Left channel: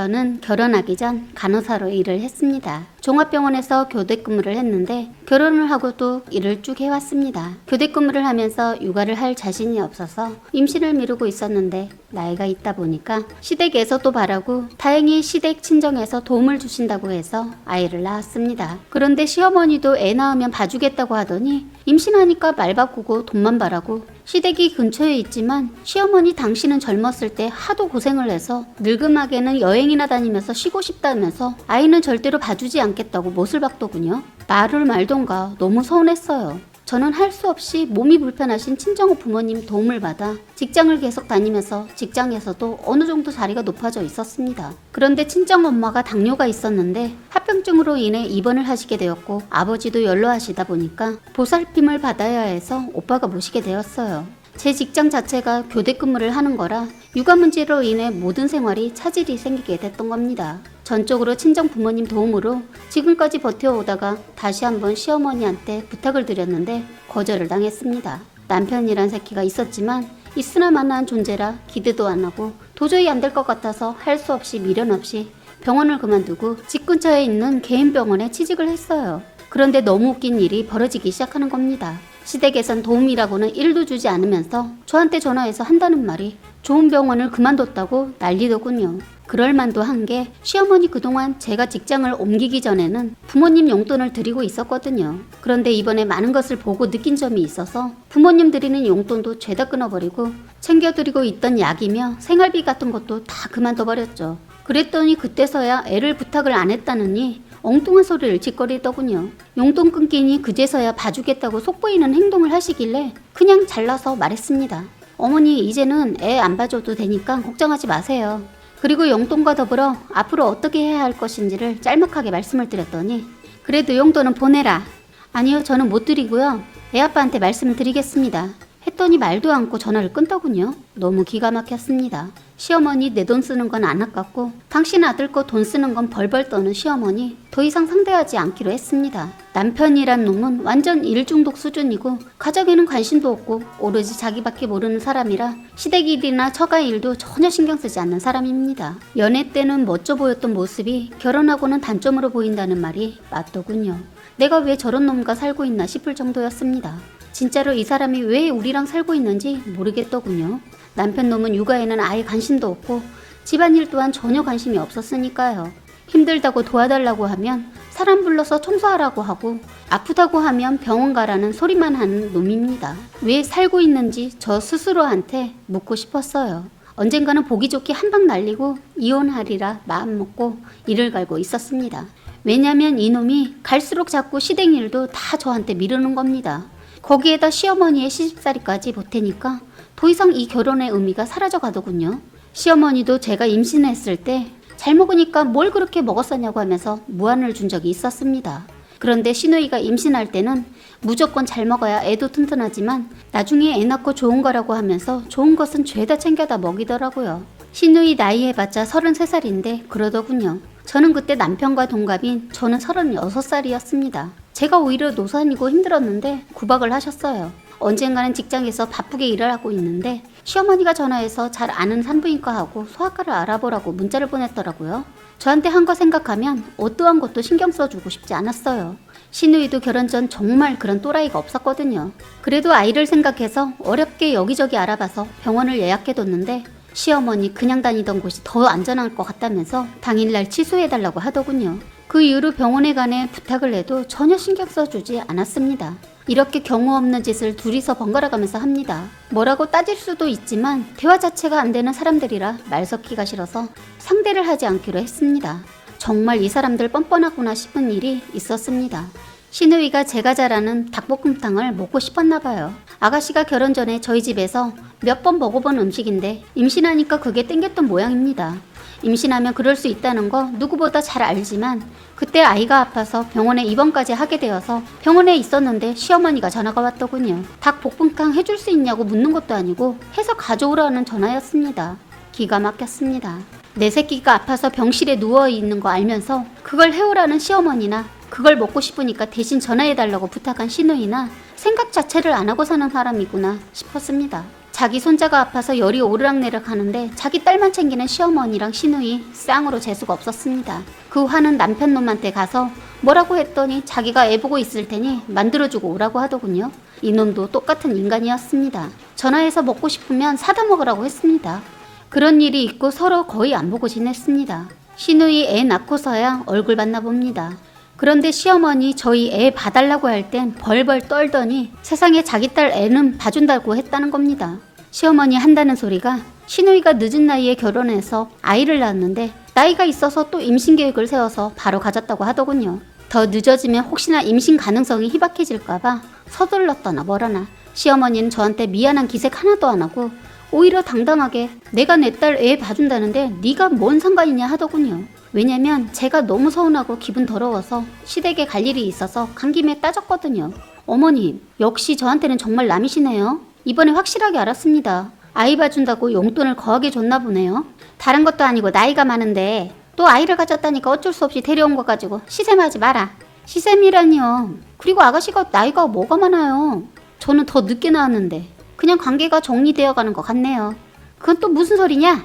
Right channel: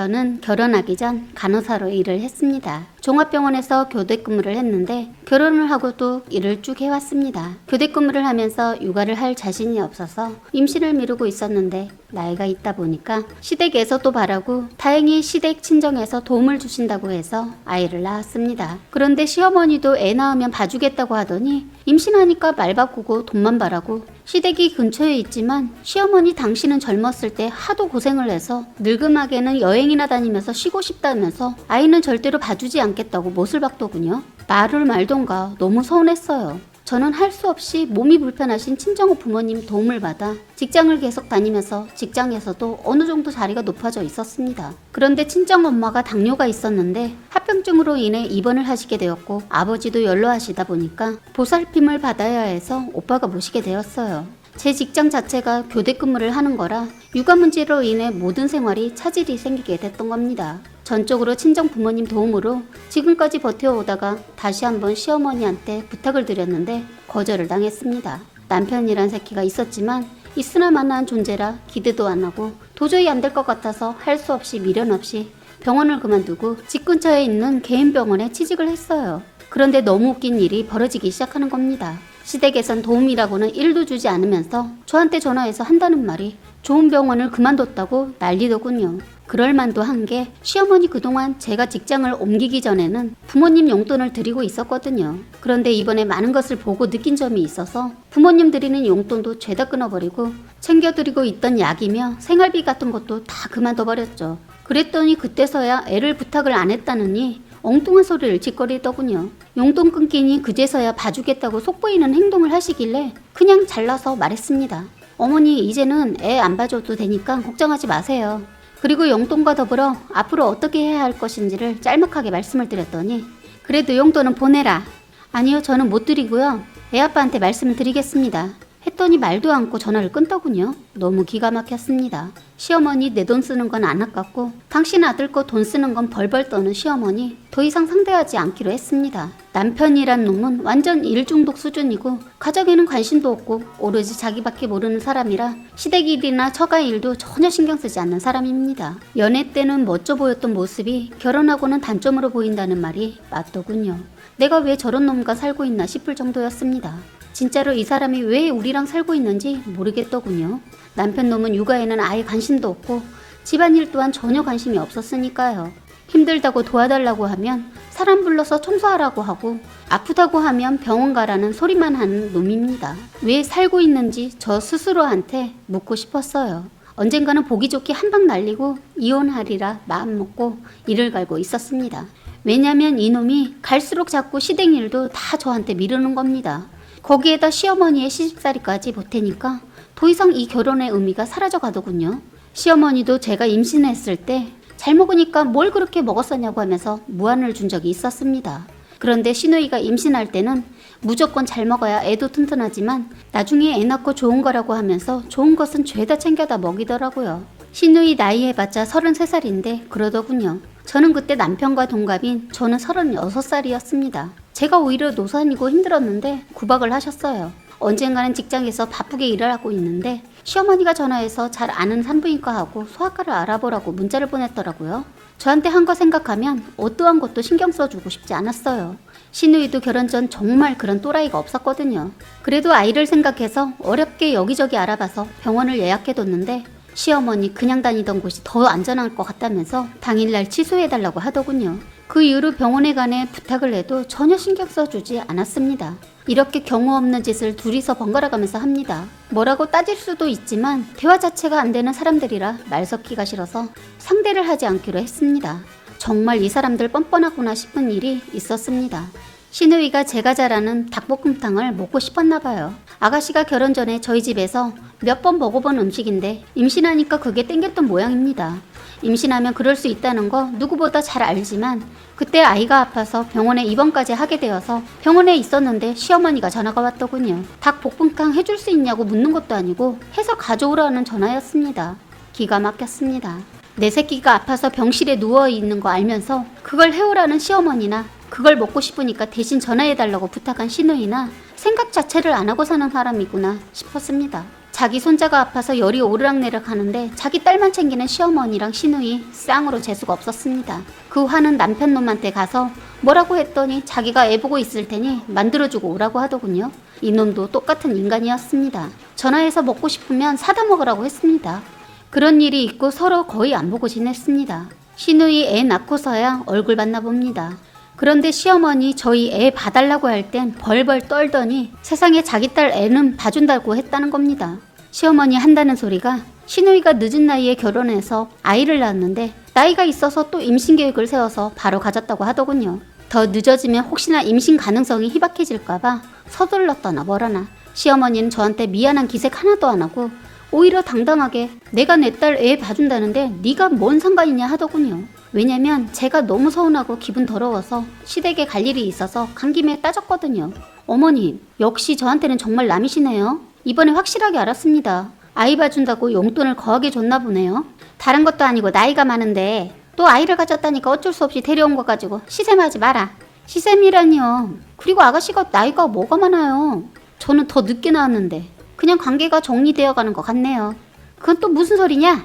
저는 결혼하기 전 간호사로 일을 했습니다. 종합병원에서 교대 근무를 했는데 결혼을 하고도 일을 쭉 해왔습니다. 교대 근무를 하면서 육아를 할 자신이 없어서 임신을 미루고 있었는데 나이가 있다 보니까 시댁에서도 바라고 다행히 시댁 친정에서 도움을 주신다고 해서 아이를 낳았습니다. 그런데 시어머니도 애 낳으면 봐주겠다고 하더니 임신하니까 말 바꾸고 돈만 바라고 시댁이 근처에 있지만 시어머니 당신은 젊었을 때 하도 고생을 해서 늙음하게는 여행이나 다니면서 쉬고 싶다면서 아이는 절대로 봐주지 않겠다고 못을 박더군요. 말을 말던가 너무 서운했어요. 저는 할 수 없이 몸이 불편하신 친정어 부모님 도움을 받아 직장을 계속 다니면서 직장에서도 어느 정도 자리가 높아져 있었습니다. 그런데 친정엄마가 당뇨가 있었는데 합병증으로 인해 입원을 하시게 되었고 아버지도 연로하시다 보니까 보살핌을 받아야 해서 오빠가 모시게 되었어요. 제 직장 자체가 교대 근무를 하는 거라 육아 문제로 인해 모든 생활이 차질이 생기게 됐던 겁니다. 전적으로 친정 부모님 도움으로 지금까지 버텨오다가 다시 한번 시어머니한테 부탁을 드렸는데 거절을 당했습니다. 남편이란 새끼가 있었지만 있으나 마나한 존재라 기대도 안 하고 도저히 안 될 것 같아서 할 수 없이 미련 없이 병원을 그만두고 집 근처에 있는 개인 병원에 취직을 했어요. 그런데 너무 웃긴 일이 벌어지기 시작하는 겁니다. 시댁에선 도움이라고는 1도 주지 않으면서 저한테 전화해서 한다는 말이 좋은 병원을 그만뒀다고 난리더군요. 그럴 만도 한 게 시어머니 그동안 제가 직장을 옮기기 전에는 부모님 용돈을 드리고 있었거든요. 그런데 이번에 많은 것을 보고 느낀 점이 있어서 부모님 드리는 용돈도 죄다 끊어버리고 챙겨드리고 있던 약이며 생활비 같은 것도 다 그만둬버렸죠. 그랬더니 그때서야 애를 부탁을 안 했다느니 엉뚱한 소리를 짓거리더군요. 용돈 끊기니 그제서야 봐주겠다고 속보이는 행동을 하시길래 그냥 잘라서 말했습니다. 어머니 이제는 애 안 봐줘도 되니까 걱정하지 마세요. 그리고 용돈과 더불어 앞으로 어떻게 해야 할 것인지를 짤막하게 말씀을 드렸더니 그래도 용돈은 보내라. 아니요 저는 못 드리고요. 애 아빠한테 말씀을 드리겠습니다. 했더니 말도 않고 전화를 끊더군요. 너무 기가 막혔습니다. 시어머니 내 돈 쓰는 건 안 아깝고 당신 아들 거 돈 쓰는 건 벌벌 떠는 시어머니 더 이상 상대하지 않기로 했습니다. 남편이란 놈은 완전 일중독 수준이고 가정에는 관심도 없고 오로지 자기밖에 모르는 사람이라 시댁 일이나 처가 일도 전혀 신경 쓰지 않는 사람입니다. 연애 때는 멋져 보였던 모습이 결혼하고는 단점으로 보인다는 말이 맞더군요. 내가 왜 저런 놈과 살고 있나 싶을 정도였습니다. 진짜로 이 사람이 왜 우리랑 살고 있는지 모르겠더군요. 남편 놈은 육아에는 아예 관심도 없고 집안일 또한 전혀 관심이 없었으니까요. 힘들다고 도와달라고 하면 사람 불러서 청소하라고 하고 아프다고 하면 병원 가라는 소리만 하는 놈입니다. 왜 살고 있는지 저 스스로한테 묻고 싶었어요. 언젠가는 보기 좋게 한 방 날리고 이혼하리라 마음먹고 이를 갈고 있었습니다. 왜냐면 이놈이 갈수록 자꾸 시댁 일도 다 저한테 미루는 겁니다. 거기에다 시어머니의 시집살이까지 보태니까 더 이상 이 결혼의 의미가 사라져 가더군요. 시어머니도 제가 임신했을 때 잘 먹으니까 뭘 그렇게 먹었었냐고 하면서 무안을 준 적이 있었습니다. 그런데 시누이가 임신할 때는 무조건 잘 먹어야 애도 튼튼하지만 나중에 애 낳고 좋은 거라고 하면서 좋은 것은 죄다 챙겨다 먹이더라고요. 시누이 나이 해봤자 33살인데 그러더군요. 저는 그때 남편과 동갑인 저는 36살이었습니다. 제가 오히려 노산이고 힘들었는데 구박을 하셨어요. 언젠가는 직장에서 바쁘게 일을 하고 있는데 시어머니가 전화해서 잘 아는 산부인과하고 소아과를 알아보라고 문자를 보냈더라고요. 저한테 한 거 생각하면 어떠한 것도 신경 써주고 싶지 않았어요. 시누이도 결혼 전 정말 그런 또라이가 없었거든요. 그래도 아이를 생각해서 어렵게 여기저기 알아봐서 병원을 예약해뒀는데 시어머니 그냥 다니던 곳이 더 안전할 것 같다면서 당일날 취소해달라고 하더군요. 그 이후로 병원에 관해 부탁을 해도 전혀 신경 써주지 않았습니다. 이렇게 경우 없는 짓을 둘이서 번갈아가면서 합니다. 뭐라고 따질 수도 있지만 대화 자체가 안 되는 사람들이라 말 섞기가 싫어서 상대를 하지 않기로 했습니다. 정말 이 사람들 뻔뻔하구나 싶은 일이 있었습니다. 시누이가 제가 잘 아는 닭볶음탕을 먹고 싶었나 봐요. 아가씨가 결혼 전에 저희 집에서 몇 번 먹어본 음식인데 임신하니까 그게 땡겼던 모양입니다. 임신하면 그럴 수 있다는 거 누구보다 잘 알지만 그때 아이가 아파서 병원에 입원까지 하게 되어서 병원에 있었는데 시어머니가 전화가 왔더군요. 닭볶음탕 해줄 수 있냐고 묻는 것도 아니고 해서 가져오라는 전화였습니다. 기가 막혔습니다. 내 새끼가 아파서 병실에 누워있는 거 알면서 그걸 해오라는 시어머니나 그걸 먹고 싶으니까 대신 전화해달라고 부탁한 시누이나 생각 자체를 안 하고 사는 사람이구나 싶었습니다. 자기 손자가 아파서 열이 오르락내리락 하는데 자기 딸만 챙기는 시어머니랑 시누이 쌍으로 재수가 없었습니다. 그 화는 남편 놈한테 가서 뭐라고 했더니 자기가 애 보고 있을 테니 만들어주고 오라고 하더군요. 이놈도 똑같은 인간이었습니다. 전화해서 먹고 싶으면 사다 먹으라고 했습니다. 그런 일이 있고 서로 거의 안 보고 지냈습니다. 시누이 애 낳고서야 얼굴 봤나 봅니다. 그런데 시어머니 저희 애 봐달라고 할 땐 벌벌 떨더니 세상에 자기 딸 애는 봐준다고 했다는 겁니다. 시어머니 한다는 소리가 시누이가 늦은 나이에 결혼해서 아이를 낳았는데 나이가 있어서 또 임신 계획을 세워서 바로 가졌다고 하더군요. 더 늦어지면 혹시나 임신 가능성이 희박해질까봐 서둘렀더나 뭐라나 시어머니는 저한테 미안한 기색 하나도 안 하고 오히려 당당하게 내가 내 딸 애 봐준다는데 네가 뭔 상관이냐 하더군요. 왜냐면 제가 너무 서운하고 기분 더러워서 시댁에 갈 일이 있어서 간 김에 따졌거든요. 어머님, 역시 저한테는 정말 남이시네요. 이번에 확실하게 알았습니다. 아이 봐준다고 용돈을 거하게 줬나 보네요. 다른 것도 아니고 나이가 많은데 또 아이를 가졌다니까 어쩔 수 없이 데려온 거 가지고 시샘하지 마라. 시샘이라니요. 그리고 아가씨가 나이가 뭐가 많아요. 저는 더 늦게 나왔는데 그냥 관계가 정리되어 가는 것 같네요. 그건 또 무슨 소리냐?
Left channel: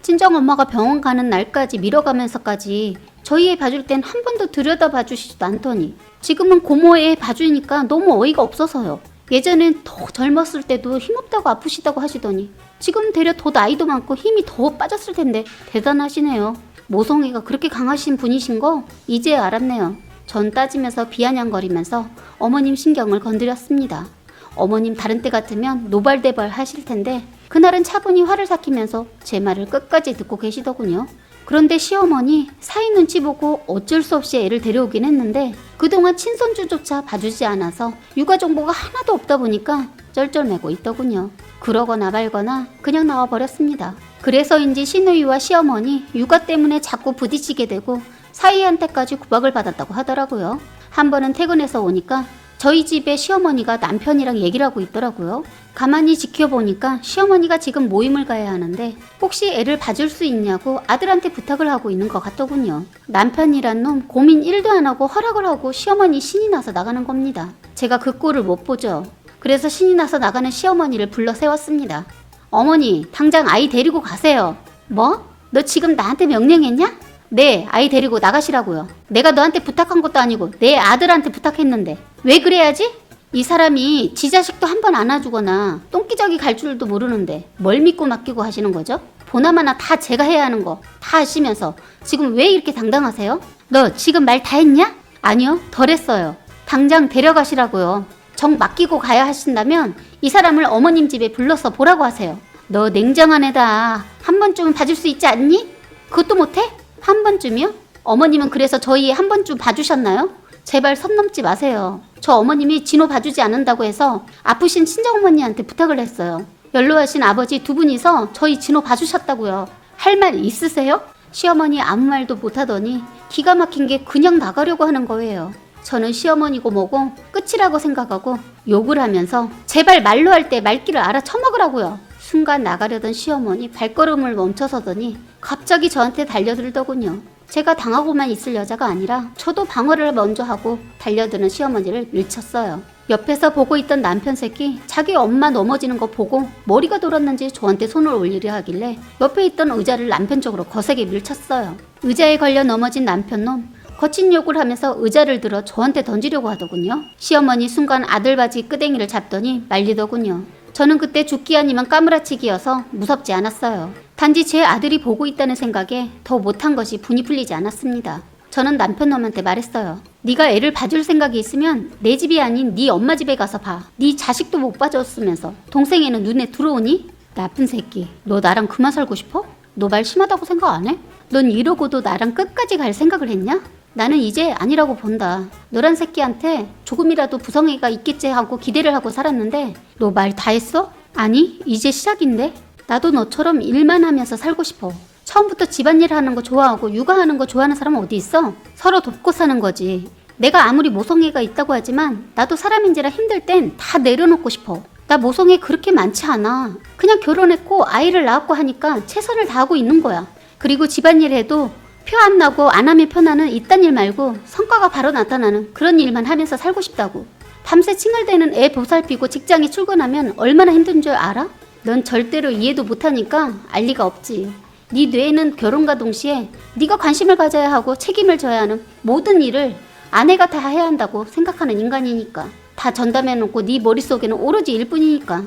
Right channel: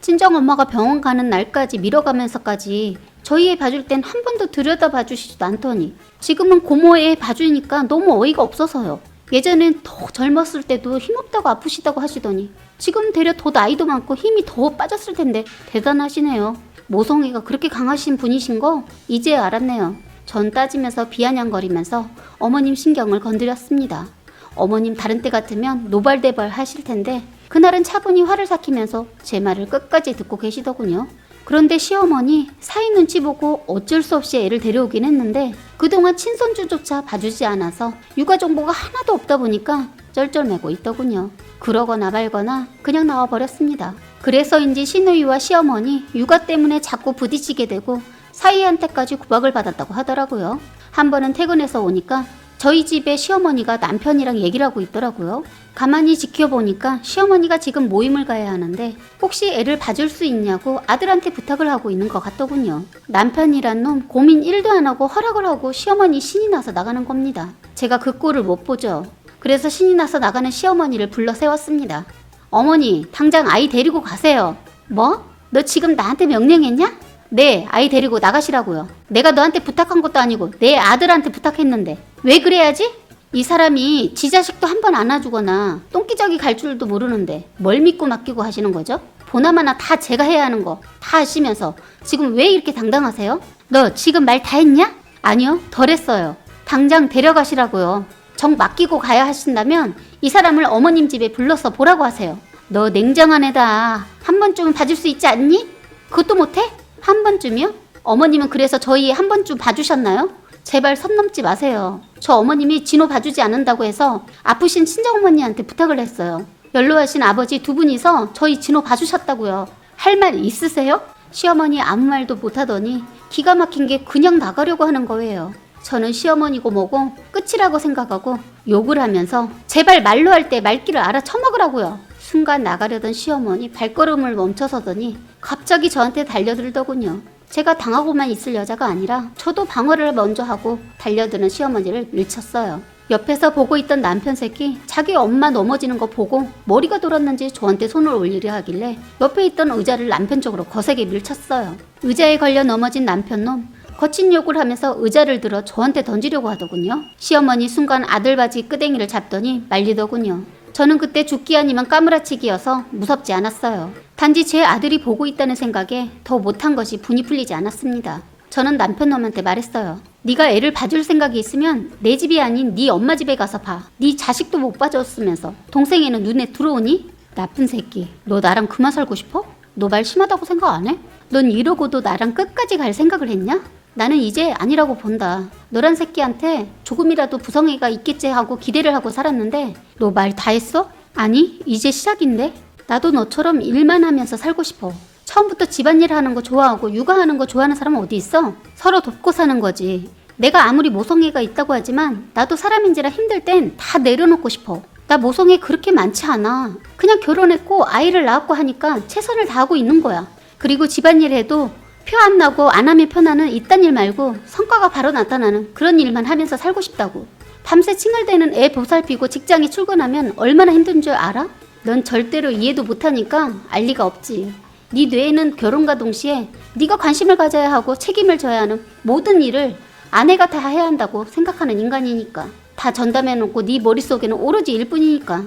친정엄마가 병원 가는 날까지 미뤄가면서까지 저희 애 봐줄 땐 한 번도 들여다봐 주시지도 않더니 지금은 고모 애 봐주니까 너무 어이가 없어서요. 예전엔 더 젊었을 때도 힘없다고 아프시다고 하시더니 지금 되려 더 나이도 많고 힘이 더 빠졌을 텐데 대단하시네요. 모성애가 그렇게 강하신 분이신 거 이제 알았네요. 전 따지면서 비아냥거리면서 어머님 신경을 건드렸습니다. 어머님 다른 때 같으면 노발대발 하실 텐데 그날은 차분히 화를 삭히면서 제 말을 끝까지 듣고 계시더군요. 그런데 시어머니 사위 눈치 보고 어쩔 수 없이 애를 데려오긴 했는데 그동안 친손주조차 봐주지 않아서 육아 정보가 하나도 없다 보니까 쩔쩔매고 있더군요. 그러거나 말거나 그냥 나와버렸습니다. 그래서인지 시누이와 시어머니 육아 때문에 자꾸 부딪히게 되고 사위한테까지 구박을 받았다고 하더라고요. 한 번은 퇴근해서 오니까 저희 집에 시어머니가 남편이랑 얘기를 하고 있더라고요. 가만히 지켜보니까 시어머니가 지금 모임을 가야 하는데 혹시 애를 봐줄 수 있냐고 아들한테 부탁을 하고 있는 것 같더군요. 남편이란 놈 고민 1도 안 하고 허락을 하고 시어머니 신이 나서 나가는 겁니다. 제가 그 꼴을 못 보죠. 그래서 신이 나서 나가는 시어머니를 불러 세웠습니다. 어머니, 당장 아이 데리고 가세요. 뭐? 너 지금 나한테 명령했냐? 네, 아이 데리고 나가시라고요. 내가 너한테 부탁한 것도 아니고 내 아들한테 부탁했는데 왜 그래야지? 이 사람이 지 자식도 한 번 안아주거나 똥기저귀 갈 줄도 모르는데 뭘 믿고 맡기고 하시는 거죠? 보나마나 다 제가 해야 하는 거 다 하시면서 지금 왜 이렇게 당당하세요? 너 지금 말 다 했냐? 아니요, 덜 했어요. 당장 데려가시라고요. 정 맡기고 가야 하신다면 이 사람을 어머님 집에 불러서 보라고 하세요. 너 냉정한 애다. 한 번쯤은 봐줄 수 있지 않니? 그것도 못해? 한 번쯤이요? 어머님은 그래서 저희 한 번쯤 봐주셨나요? 제발 선 넘지 마세요. 저 어머님이 진호 봐주지 않는다고 해서 아프신 친정어머니한테 부탁을 했어요. 연로하신 아버지 두 분이서 저희 진호 봐주셨다고요. 할 말 있으세요? 시어머니 아무 말도 못하더니 기가 막힌 게 그냥 나가려고 하는 거예요. 저는 시어머니고 뭐고 끝이라고 생각하고 욕을 하면서 제발 말로 할 때 말귀를 알아쳐먹으라고요. 순간 나가려던 시어머니 발걸음을 멈춰서더니 갑자기 저한테 달려들더군요. 제가 당하고만 있을 여자가 아니라 저도 방어를 먼저 하고 달려드는 시어머니를 밀쳤어요. 옆에서 보고 있던 남편 새끼 자기 엄마 넘어지는 거 보고 머리가 돌았는지 저한테 손을 올리려 하길래 옆에 있던 의자를 남편 쪽으로 거세게 밀쳤어요. 의자에 걸려 넘어진 남편놈 거친 욕을 하면서 의자를 들어 저한테 던지려고 하더군요. 시어머니 순간 아들 바지 끄댕이를 잡더니 말리더군요. 저는 그때 죽기 아니면 까무라치기여서 무섭지 않았어요. 단지 제 아들이 보고 있다는 생각에 더 못한 것이 분이 풀리지 않았습니다. 저는 남편놈한테 말했어요. 네가 애를 봐줄 생각이 있으면 내 집이 아닌 네 엄마 집에 가서 봐. 네 자식도 못 봐줬으면서 동생애는 눈에 들어오니? 나쁜 새끼. 너 나랑 그만 살고 싶어? 너 말 심하다고 생각 안 해? 넌 이러고도 나랑 끝까지 갈 생각을 했냐? 나는 이제 아니라고 본다. 너란 새끼한테 조금이라도 부성애가 있겠지 하고 기대를 하고 살았는데 너 말 다 했어? 아니, 이제 시작인데? 나도 너처럼 일만 하면서 살고 싶어. 처음부터 집안일 하는 거 좋아하고 육아하는 거 좋아하는 사람은 어디 있어? 서로 돕고 사는 거지. 내가 아무리 모성애가 있다고 하지만 나도 사람인지라 힘들 땐 다 내려놓고 싶어. 나 모성애 그렇게 많지 않아. 그냥 결혼했고 아이를 낳았고 하니까 최선을 다하고 있는 거야. 그리고 집안일 해도 표 안 나고 안 하면 편하는 이딴 일 말고 성과가 바로 나타나는 그런 일만 하면서 살고 싶다고. 밤새 칭얼대는 애 보살피고 직장에 출근하면 얼마나 힘든 줄 알아? 넌 절대로 이해도 못하니까 알 리가 없지. 네 뇌에는 결혼과 동시에 네가 관심을 가져야 하고 책임을 져야 하는 모든 일을 아내가 다 해야 한다고 생각하는 인간이니까. 다 전담해놓고 네 머릿속에는 오로지 일뿐이니까.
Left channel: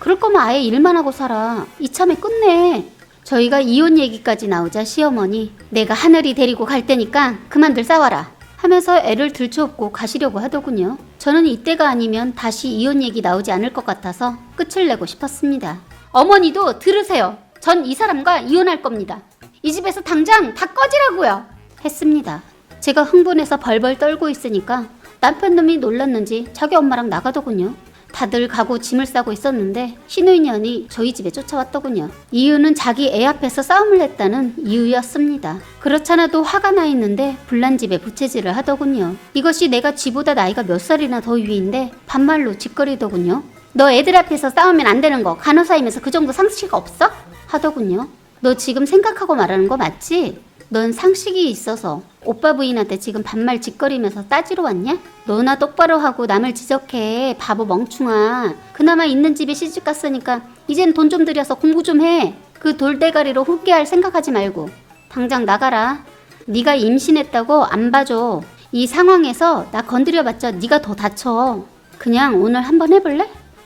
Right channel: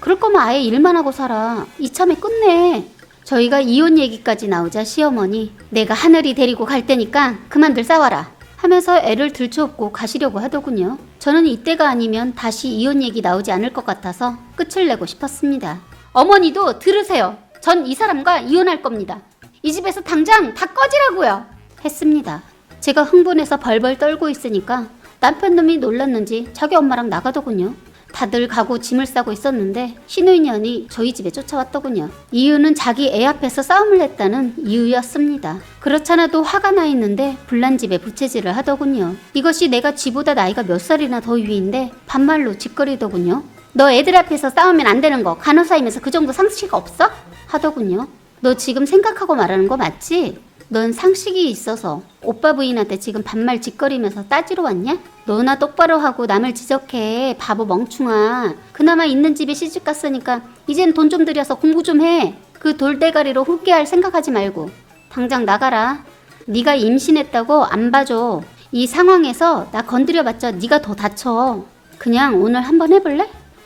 그럴 거면 아예 일만 하고 살아. 이참에 끝내. 저희가 이혼 얘기까지 나오자 시어머니, 내가 하늘이 데리고 갈 테니까 그만들 싸워라 하면서 애를 들쳐업고 가시려고 하더군요. 저는 이때가 아니면 다시 이혼 얘기 나오지 않을 것 같아서 끝을 내고 싶었습니다. 어머니도 들으세요. 전 이 사람과 이혼할 겁니다. 이 집에서 당장 다 꺼지라고요. 했습니다. 제가 흥분해서 벌벌 떨고 있으니까 남편 놈이 놀랐는지 자기 엄마랑 나가더군요. 다들 가고 짐을 싸고 있었는데 신우인연이 저희 집에 쫓아왔더군요. 이유는 자기 애 앞에서 싸움을 했다는 이유였습니다. 그렇잖아도 화가 나 있는데 불난 집에 부채질을 하더군요. 이것이 내가 지보다 나이가 몇 살이나 더 위인데 반말로 짓거리더군요. 너 애들 앞에서 싸우면 안 되는 거 간호사이면서 그 정도 상식 없어? 하더군요. 너 지금 생각하고 말하는 거 맞지? 넌 상식이 있어서 오빠 부인한테 지금 반말 짓거리면서 따지러 왔냐? 너나 똑바로 하고 남을 지적해. 바보 멍충아. 그나마 있는 집에 시집 갔으니까 이젠 돈 좀 들여서 공부 좀 해. 그 돌대가리로 홈케할 생각하지 말고 당장 나가라. 네가 임신했다고 안 봐줘. 이 상황에서 나 건드려봤자 네가 더 다쳐. 그냥 오늘 한번 해볼래?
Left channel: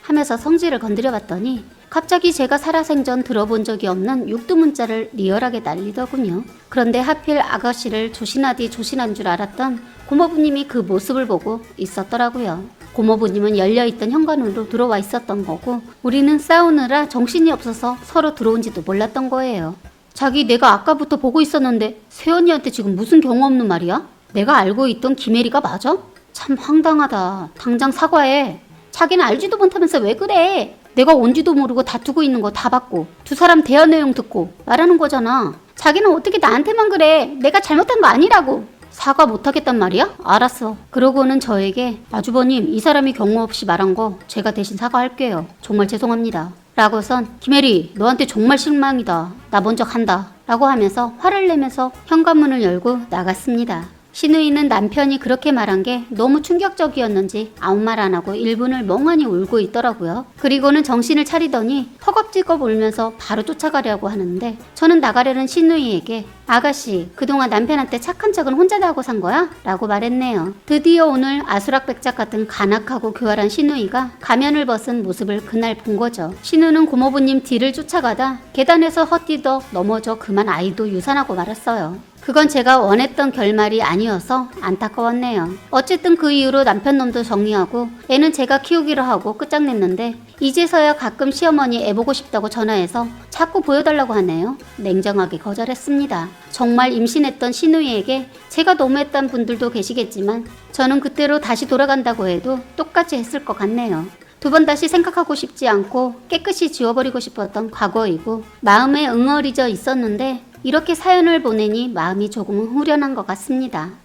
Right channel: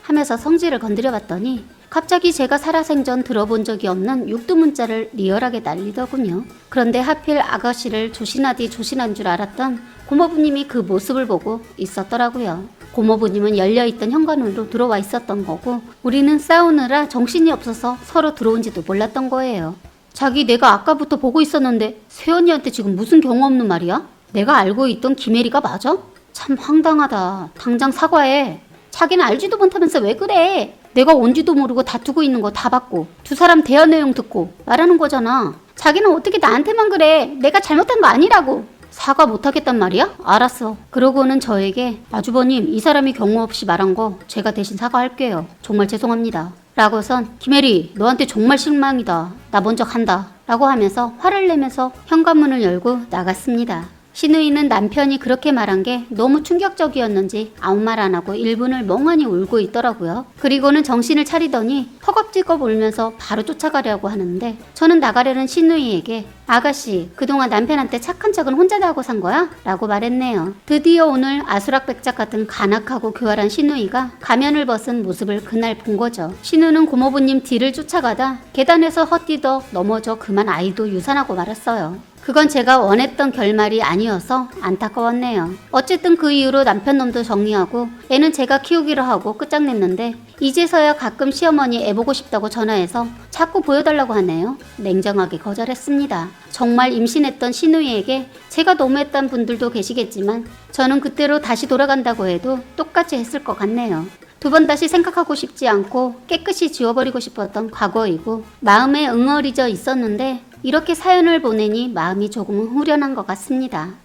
하면서 성질을 건드려봤더니 갑자기 제가 살아생전 들어본 적이 없는 육두문자를 리얼하게 날리더군요. 그런데 하필 아가씨를 조신하디 조신한 줄 알았던 고모부님이 그 모습을 보고 있었더라고요. 고모부님은 열려있던 현관으로 들어와 있었던 거고 우리는 싸우느라 정신이 없어서 서로 들어온지도 몰랐던 거예요. 자기 내가 아까부터 보고 있었는데 세연이한테 지금 무슨 경우 없는 말이야? 내가 알고 있던 김혜리가 맞아? 참 황당하다. 당장 사과해. 자기는 알지도 못하면서 왜 그래? 내가 온지도 모르고 다투고 있는 거 다 봤고 두 사람 대화 내용 듣고 말하는 거잖아. 자기는 어떻게 나한테만 그래? 내가 잘못한 거 아니라고. 사과 못하겠단 말이야? 알았어. 그러고는 저에게 아주버님 이 사람이 경우 없이 말한 거 제가 대신 사과할게요. 정말 죄송합니다. 라고선 김혜리 너한테 정말 실망이다. 나 먼저 간다. 라고 하면서 화를 내면서 현관문을 열고 나갔습니다. 신우이는 남편이 그렇게 말한 게 너무 충격적이었는지 아무 말 안 하고 1분을 멍하니 울고 있더라고요. 그리고는 정신을 차리더니 허겁지겁 울면서 바로 쫓아가려고 하는데 저는 나가려는 신우이에게 아가씨 그동안 남편한테 착한 척은 혼자 다 하고 산 거야? 라고 말했네요. 드디어 오늘 아수락백작 같은 간악하고 교활한 신우이가 가면을 벗은 모습을 그날 본 거죠. 신우는 고모부님 뒤를 쫓아가다 계단에서 헛디뎌 넘어져 그만 아이도 유산하고 말았어요. 그건 제가 원했던 결말이 아니어서 안타까웠네요. 어쨌든 그 이후로 남편놈도 정리하고 애는 제가 키우기로 하고 끝장냈는데 이제서야 가끔 시어머니 애 보고 싶다고 전화해서 자꾸 보여달라고 하네요. 냉정하게 거절했습니다. 정말 임신했던 신우이에게 제가 너무했던 분들도 계시겠지만 저는 그때로 다시 돌아간다고 해도 똑같이 했을 것 같네요. 두 번 다시 생각하고 싶지 않고 깨끗이 지워버리고 싶었던 과거이고 마음에 응어리져 있었는데 이렇게 사연을 보내니 마음이 조금은 후련한 것 같습니다.